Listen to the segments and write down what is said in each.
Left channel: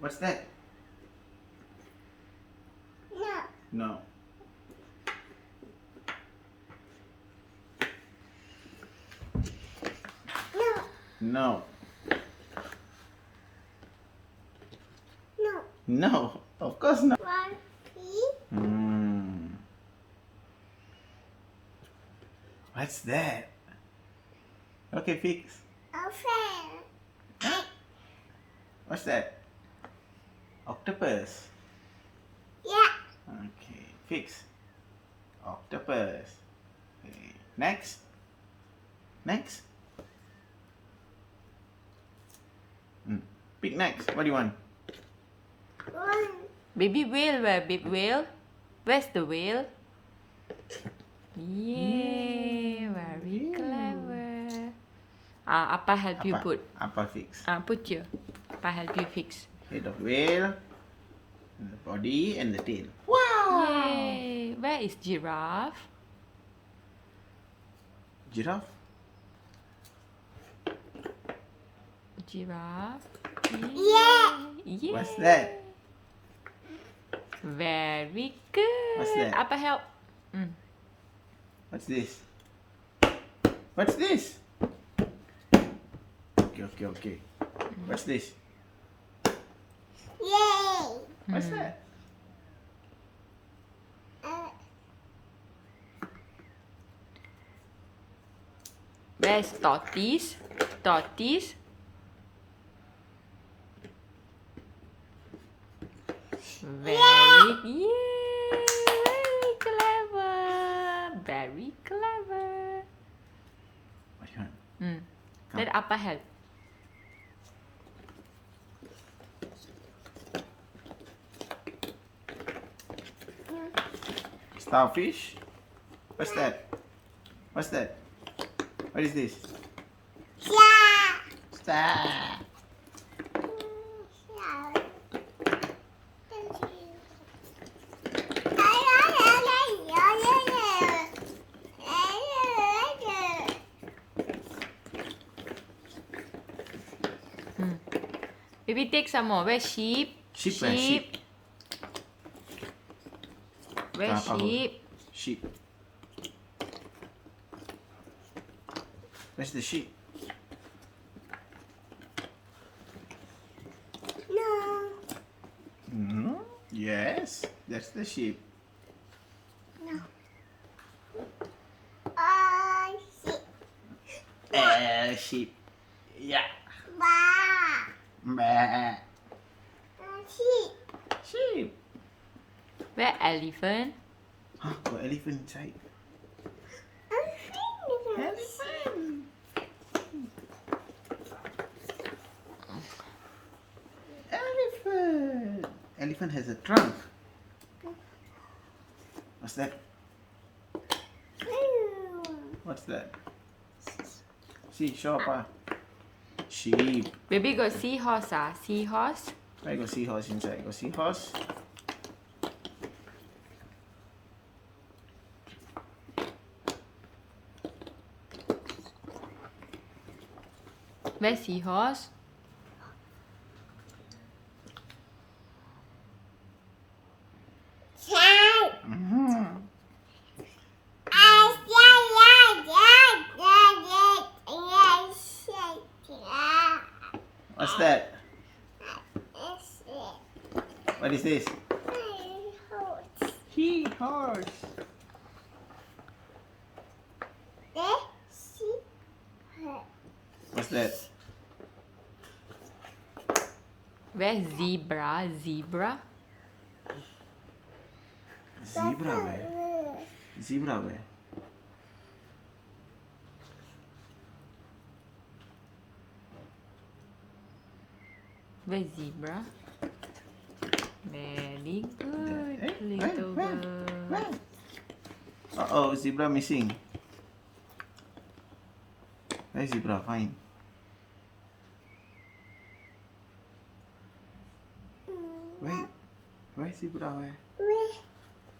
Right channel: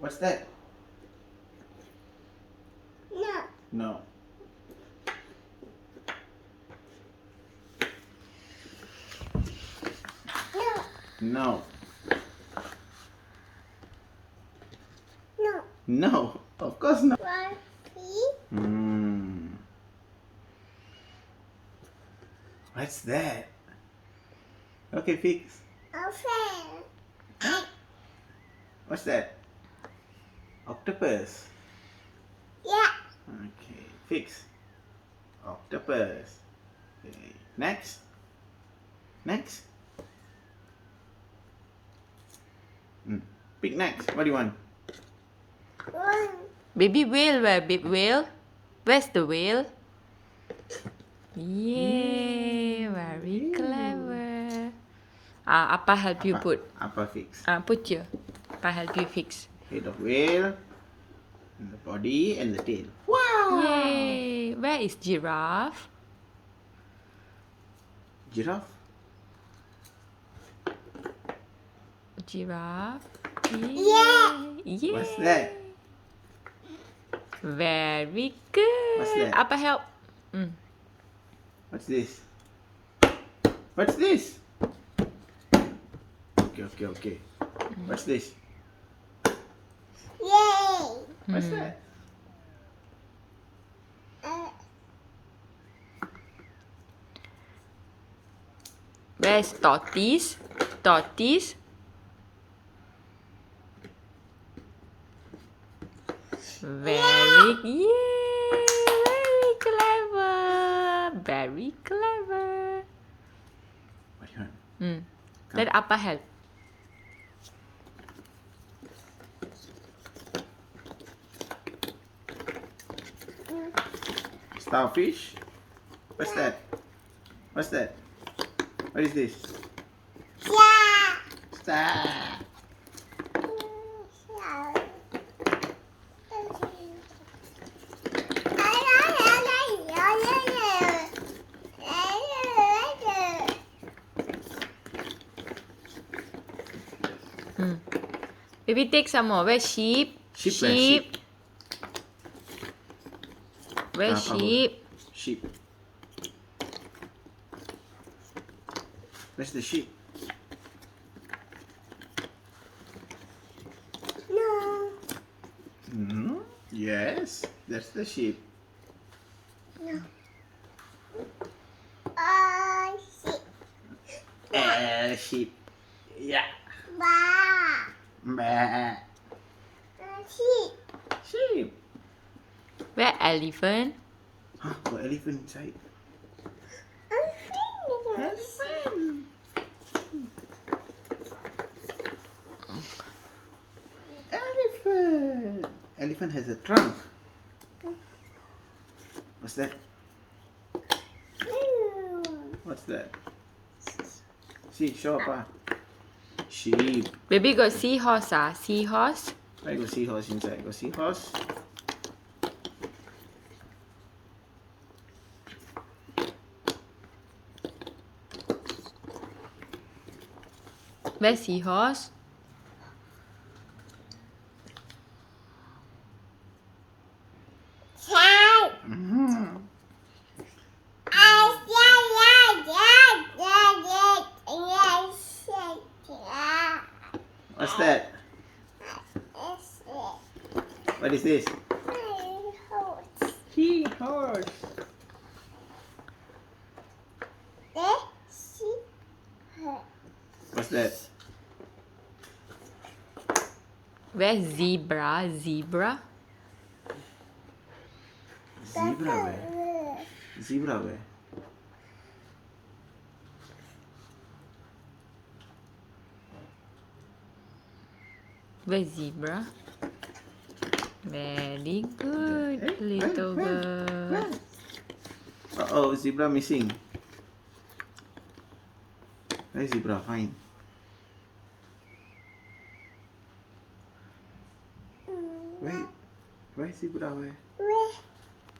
What's that? No. No. No. No. No. No. Of course not. One, three. What's that? Okay, fix. A fan. What's that? Octopus. Yeah. Okay, fix. Octopus. Okay. Next. Next. Pick next. What do you want? One. Baby whale, where baby whale? Where's the whale? Yay, very clever. Appa help you put. Apa fix? Put here. Appa help you fix. Head of whale, and the body, and the tail. Yay! Where is giraffe? Giraffe. Giraffe. Yeah. Yay! What's that? Very good. What's that? Appa help. What's this? What's this? Okay. What's this? Yay. What's that? Where's tortoise? Tortoise. Very clever. Very clever. What do you want? Let Appa help. Starfish. What's that? What's that? What is this? Yeah. Star. Maybe take some more. Where's sheep? Sheep where? Sheep. Where's sheep? Sheep. Where's the sheep? No. Yes, that's the sheep. No. Sheep. Sheep. Yeah. Ba. Bah. Sheep. Sheep. Where elephant? Huh? Got elephant inside. Elephant. Elephant has a trunk. What's that? What's that? See, show up. Sheep. Baby got seahorse. Seahorse. I go seahorse inside. Go seahorse. Where's seahorse? What's that? What is this? Seahorse. What's that? Where's zebra? Zebra. Zebra where? Zebra where? Where's zebra? Very good, little girl. Uh-oh, zebra missing. Where's zebra? Find. Wait. Where's zebra? Where?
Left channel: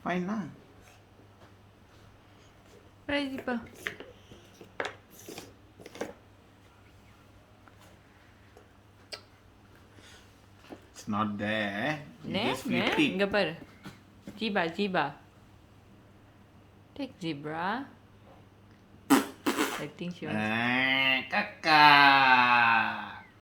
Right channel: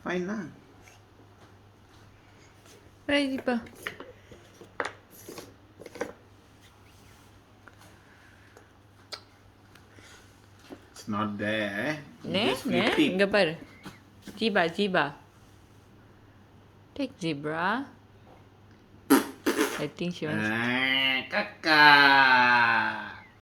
Find lah. Where's zebra? not there. You Ne? just Ne? flip it. இங்க பாரு. Zebra. Take zebra. I think she wants. Kakak.